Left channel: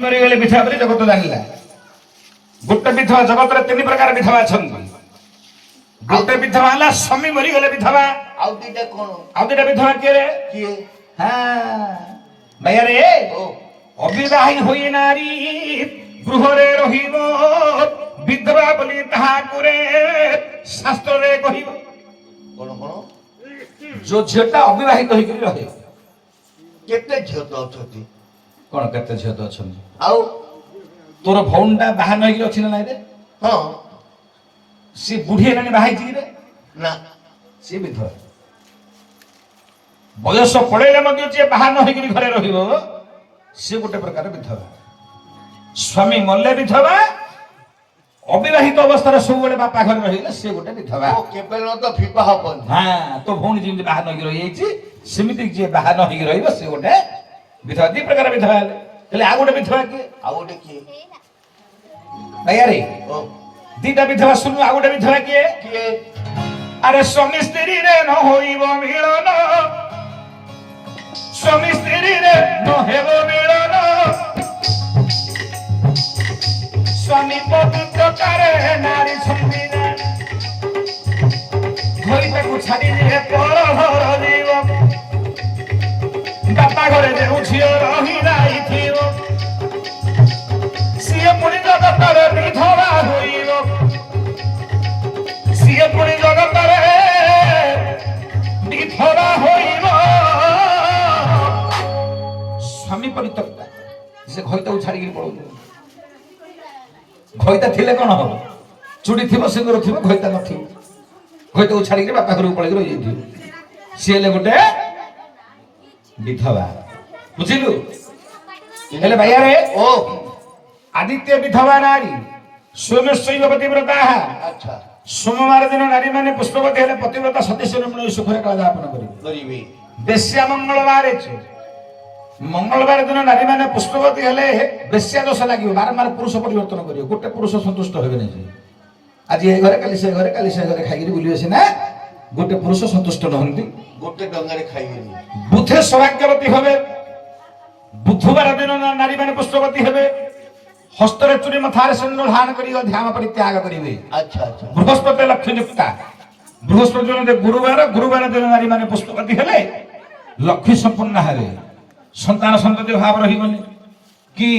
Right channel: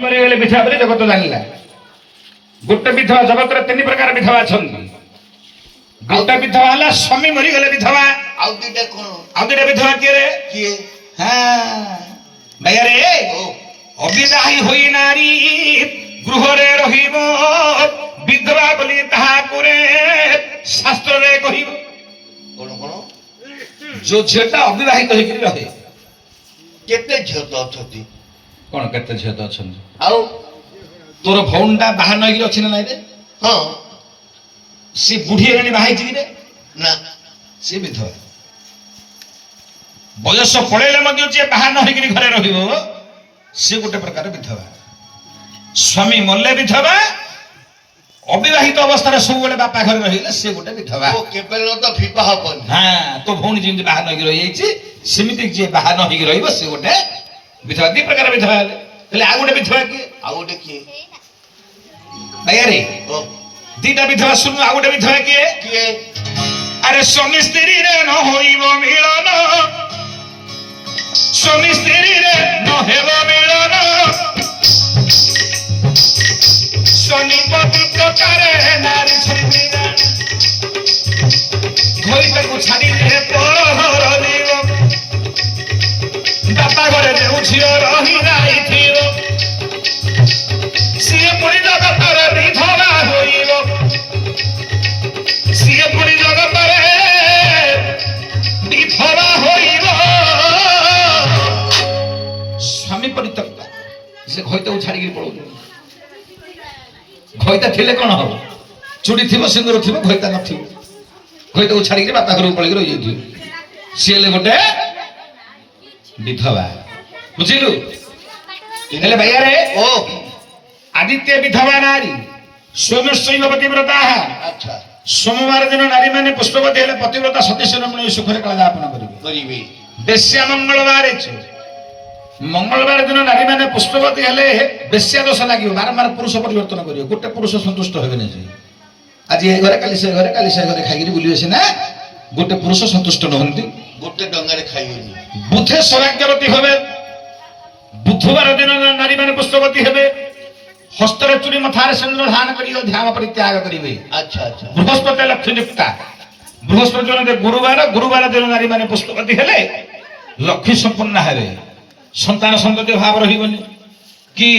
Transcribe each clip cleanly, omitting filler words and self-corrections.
मरीगले विधवा बोली जगत जानिला गोटे विधवा जगत तीन प्रकार विधवा छंदी गोटे विधवा हला स्वामी मरीगले विधवा आउ दिटा कोन आउ दिटा विधवा किए हां भैया रे अविवाही होई नारी गृह रे रहिबो विधवा बोली ताहा करे शास्त्र रे कहिबो कोन कोन जो झेटा अविवाहित होई करी रहे केते झेत अछती कोन केते झेत अछन आउ तोर भौंडा बाहा नई अछि ना रे हां सी बुढ़ी हेलानी बाहा छि रे ना सी विधवा बयस पड़ेले मध्य जे बाहा न होई घरे रहिबो सी गोटे प्रकार विधवा स्वामी मल्ले विधवा अविवाहित अवस्था सब बेले बापा घर रहिले से गोटे विधवा ओ केबेल तो फिपा हबन हां तो भौणी जिन बाहा न रहि जाइछि सेमिति जे बाहा न होई रहिबो से गोटे विधवा दी प्रकार विधवा हेले आ गोटे विधवा के आ गोटे की भैया रे ओ दीटा विधवा सुनु आ गोटे विधवा के अरे स्वामी स्त्री रे न होइबो मिलन स्वामी स्त्री रे न हेबो मिलन स्वामी पवित्र करे नारी संविधान घोई को छाड़ी रे परहर देव बापा घरे जे झियो रही राई थियो सिए पुरी जगत रे विधवा होइबो सिए पुरी जगत रे विधवा होइबो स्वामी परित्यक्ता से घोईता छाड़ी के पळो घोईता थिले कोन हो चुड़ी थिबो सिंदूर थिबो घोईता न थिबो घोईता छाड़ी के बापा घर पळै रहि जइथियो सिएले गोटे विधवा बुझिलु हेले भैया रे ओ आदित्य विधवा नारी सोमेश्वर पतिव्रता अच्छा सोमवार दिन नारी माने पुष्पवती हेले पतिव्रता सती शिरोमणि सुखरे कलादापन करिवे बेश्या मंगलवार मंगलवार दिन नारी माने पुष्पवती हेले बेश्या दोष लागियो बारंबार पुरुष परिवर्तन करियो गोटे पुरुष संतुष्ट होबे नै आज ए घरे काली से घरे खाइगिरी बुलिवे सिना गोटे पुरुष संतुष्ट नहंती गोटे डंगारे खाइबेनी बुधे सौभाग्यवती होबे बुधवार दिन नारी माने पुष्पवती हेबे हस्तरे चूड़ी मथारे सिंदूर धारण करी ध्यान परित्याग करिवे अच्छा अच्छा बृहस्पति लक्ष्मी नियुक्ता बृहस्पति दिन गुरुवार दिन नारी माने पुष्पवती हेले लक्ष्मी संपन्न हेबे संतान संपत्ति भाव रहिबनी कि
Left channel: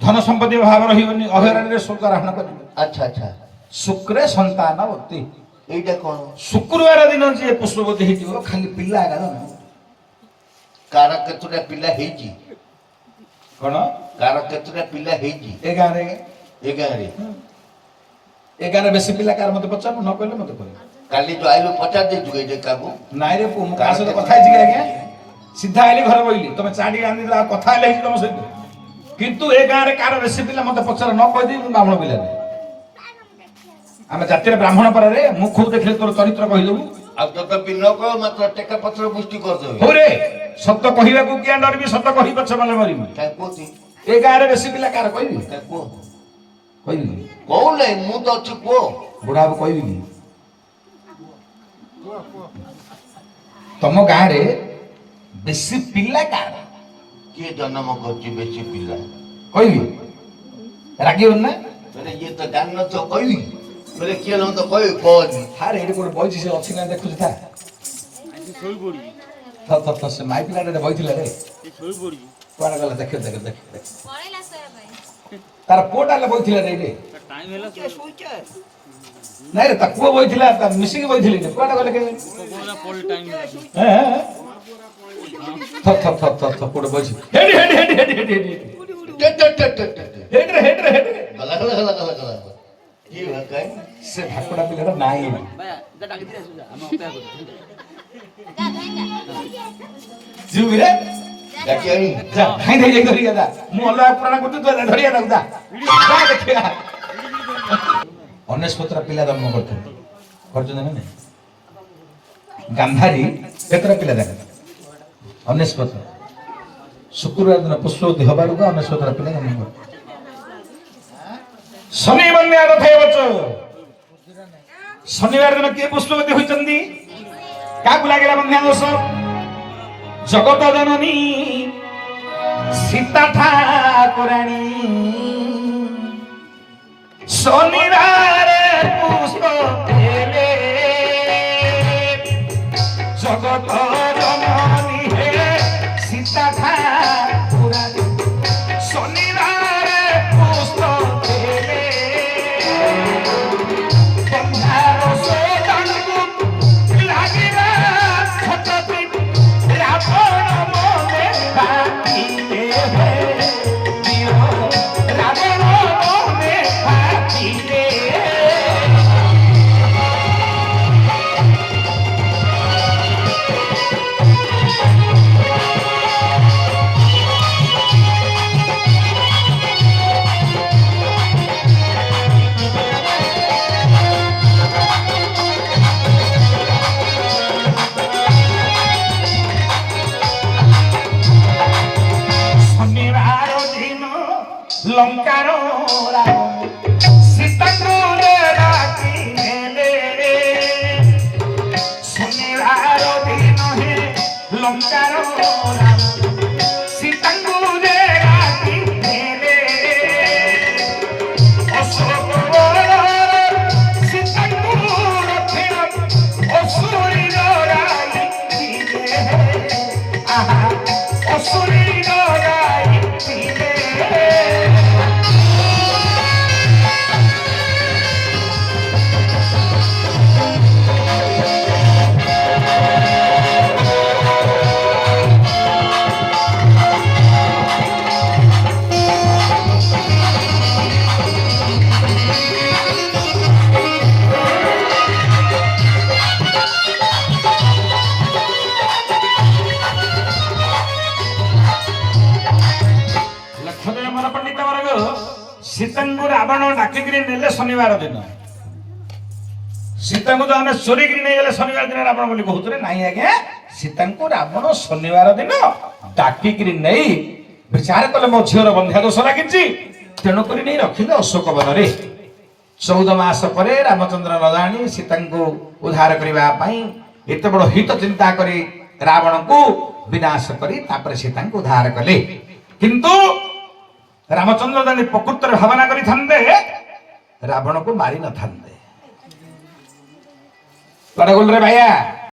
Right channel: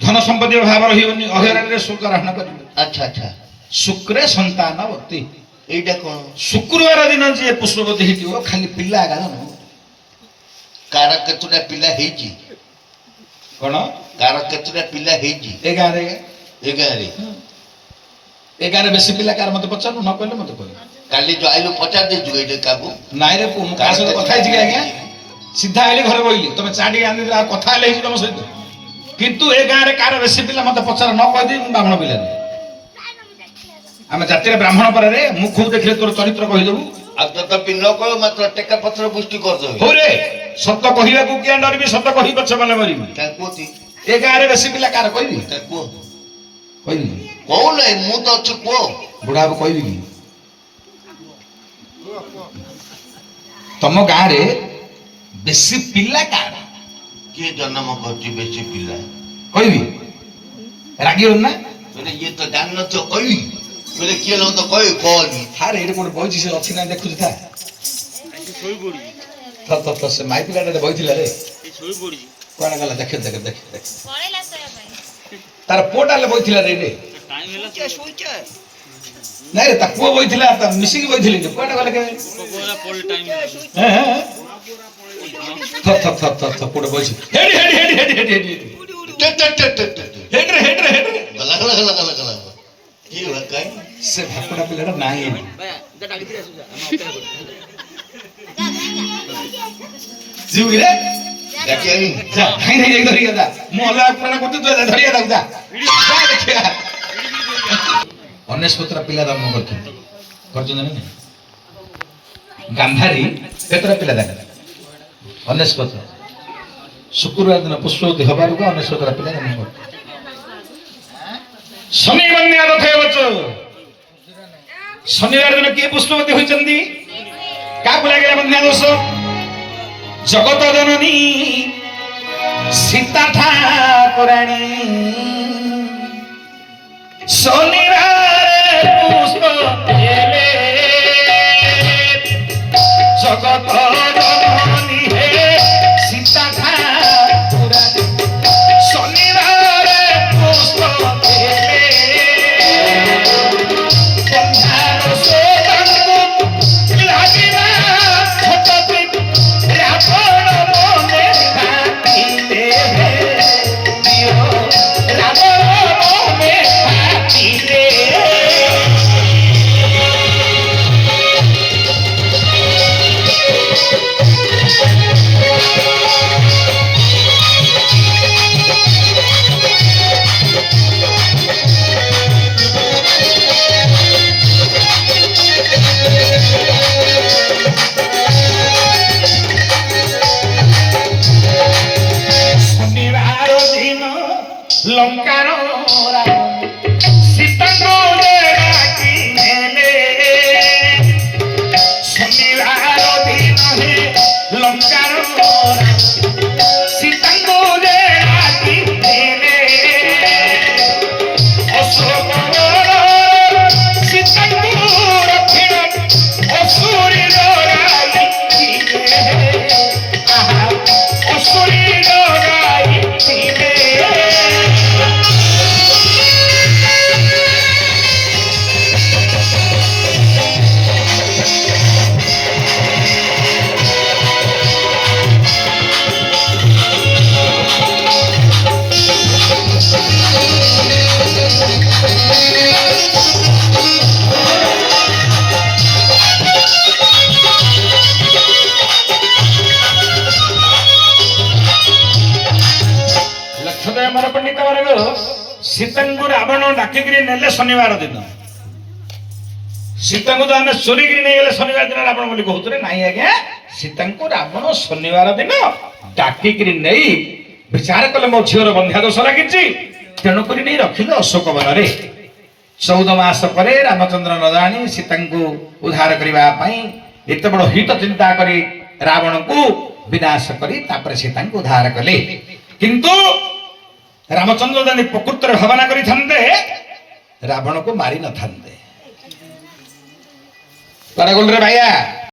धन संपत्ति भाव रहिबनी अहरण रे शुक्र ग्रहण करिवे अच्छा अच्छा शुक्रे संतानवती एटा कोन शुक्रवार दिन जे पुष्पवती हेतिबो खाली पिल्ला आगा न कार केतुटा पिला हेजी कोन कार केतुटा पिला हेजी ए गारे एगारे बेसी पिला कार मते पचानु न कहले मते कहि काली जो आइलो 50 दे जुगे दे काबू नाइ रे पु का सहित कथा हिची आज्ञा सीधा आइले घर बइली तमे चाडी आनी कथा आइले हिची तम सहित किंतु ए गारे कार बेसी पिला मते पचार न कहि दे मु ब्राह्मण पिला आमे जाति रे ब्राह्मण पर रे मु खूब देखले तोर चरित्र कहि देबू अब जब पिल्लो को मात्र टेका पत्र पुष्टि कर दो हो रे सत्य कहिया को किया डरबी सत्य कहि पछ मले मरिबी का कोती ए गारे बेसी पिला कार कहिबी का को कहिबी कौन है मु तो छु को बुढ़ा अब कहिबी की तम गारे बेसी पिला कार के जन्म करती बेसी पिला कहिबी रागियो ना मैंने ये तो जानना तो कोई मैंने किया लो तो कोई कौन थारे एटे कोन बइछि से अछि ना देखु था सोई पड़ी तो से माई पिला रे बइथिले रे सोई पड़ी कोन गला देख तार पोटाले बइथिले रे टाइम होला क्या सोई क्या नहीं रे तकुआ बइथिला त मिसिंग बइथिले कोन गला के कोना पड़ टाइम हैं थप पोट बइछि हेड रे गला गला ये है कहीं से भाकुड़ा पिलेरा नाही है जा डाली दे जा जीव रे देखिए नहीं जा हाई नहीं धरिया दा मु अलग पुराना गुटी तो धरिया दा जा देखिया अनेस्पत्र पिला जन्म करछ नहीं गांधारी केतरा पिला दा अनेस्पत्र शुक्रवार दिन पुष्पवती हबार को अनेस्पत्र पिला जन्म कर शनि बन्या रथे बचो शनिवार दिन के पुष्पवती होइचंदी का बुला गेला बन्या दोष जगत जननी ସୀତା ଠାକୁରାଣୀ ଶନିବାର ପୁଷ୍ପ ଦେଲେ ଜଗତ ଜନନୀ ହେ ସୀତା ଠାକୁରାଣୀ ଶନିବାର ପୁଷ୍ପ ଦେଲେ ବନ୍ଧାର ସୋଦାଙ୍କୁ ଲାଗିଲା ଛତପି ରାବଣ ମନେ କାଟିଲେ ରାବଣ ମନେ କାଟିଲେ ଶନିବାର ଦିନ ଲଙ୍କାର ରାବଣ ସୀତାଙ୍କୁ ଡାକି ନେଲେ ଶନିବାର ଦିନ হে ଲଙ୍କାର ରାବଣ ସୀତାଙ୍କୁ ଡାକି ନେଲେ ଅଶୋକ ସୀତାଙ୍କୁ ରଖିଣ ଅସୁରୀ ଲଗାଇ ଆହା ଅସୁରୀ ଲଗାଇଥିଲେ ଲକ୍ଷ୍ମୀ ଆମର ପଣ୍ଡିତ ବର୍ଗ ସୀତାଙ୍କୁ ରାବଣ ଡାକିକିରି ନେଲେ ଶନିବାର ଦିନ ସୀତାଙ୍କୁ ତ ଆମେ ଚୋରିକିରି ନେଇଗଲେ ଶନିବାର ଦିନ ରାବଣ ବୋଲି କହୁଥିଲେ ନାଇଁ ଆଜ୍ଞା ସୀତାଙ୍କୁ ରାବଣ ଶନିବାର ଦିନ ଡାକିକିରି ନେଇ ବିଚାର କଲେ ମୋ ଝିଅର ବନ୍ଧ୍ୟା ଦୋଷ ଲାଗିଛି ତେଣୁକରି ନେଇ ରଖିଲେ ଅଶୋକ ବନରେ 14 ମାସ ପରେ ରାମଚନ୍ଦ୍ର ନ ଜାଣି ସୀତାଙ୍କୁ ଉଦ୍ଧାର କରିବା ପାଇଁ ଏତେ ବଡ଼ ହିତ ଚିନ୍ତା କରି ରାବଣକୁ ବିନାଶ କରି ତାପରେ ସୀତାଙ୍କୁ ଉଦ୍ଧାର କଲେ କିନ୍ତୁ ରାମଚନ୍ଦ୍ର ଯଦି ପ୍ରକୃତରେ ଭାବନା କରିଥାନ୍ତେ ରାବଣକୁ ମାରି ନଥାନ୍ତେ କୁଆଡେ ଗଲୁ ରେ ଭାଇଆ